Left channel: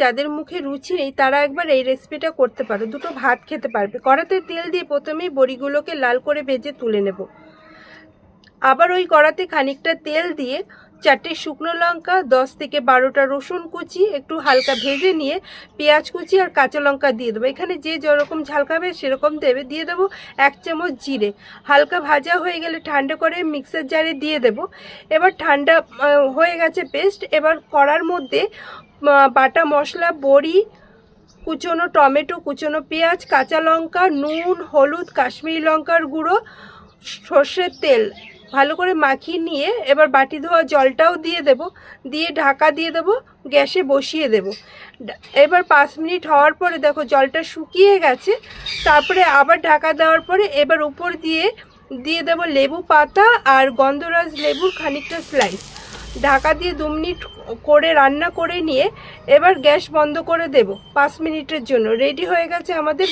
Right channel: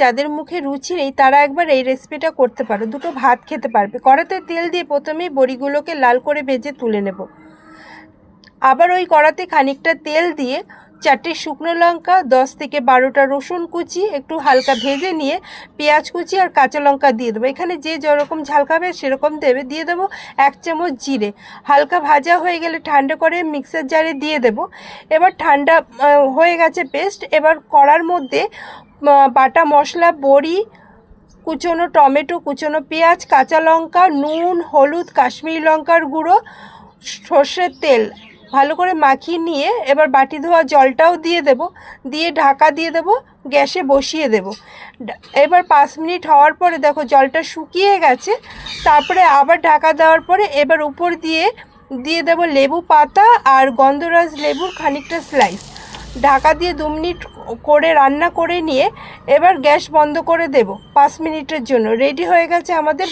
যাদের মুখে রুচি নেই তারা একবার এই রেসিপিটা করতে পারো, দুটো ভাত খেতে পারবে। কড়াতে তেল দিয়ে প্রথমেই বড়িগুলোকে লাল করে ভেজে তুলে নেব। আবার ওই কড়াতে খানিকটা তেল দিয়ে 4টে শুকনো লঙ্কা, 10 থেকে 12টা রসুন কুচি একটু হালকা ভেজে নিয়ে পেঁয়াজ কুচি আর কাঁচা লঙ্কা দিয়ে দেবো। এখানে যে যেরকম ঝাল খাবে সেরকম দেবে। দিয়ে দেবো 1 চামচ জিরে। হালকা ভাজা হয়ে গেলে ঠান্ডা করে মিক্সার জারে দিয়ে দেব। এবার ঠান্ডা হয়ে গেছে পেস্ট। এবার কড়ার মধ্যে বাটা মশলা, বড়ি, কুচনো টমেটো, কুচনো পেঁয়াজ, কাঁচা লঙ্কা, নুন, হলুদ, কাশ্মীরি লঙ্কার গুঁড়ো, সর্ষের তেল ভালো করে মাখিয়ে নিয়ে এবার বাটি ধোয়া জলটাও দিয়ে দেব। দিয়ে ঢাকা দিয়ে দেব, গ্যাসে বসিয়ে দেব। এবার 5 মিনিট হওয়ার পরে দেখো জলটা শুকিয়ে গেছে। তারপরে আবার ঢাকা দেওয়ার পরে এবার উপর দিয়ে দেব লেবু পাতা আর গন্ধরাজ লেবুর খানিকটা স্লাইস। ঢাকা দিয়ে 2 মিনিট করে রান্না করে নিয়ে এবার গ্যাস বন্ধ করে দেব 5 মিনিটের জন্য। রেডি হয়ে গেছে আমাদের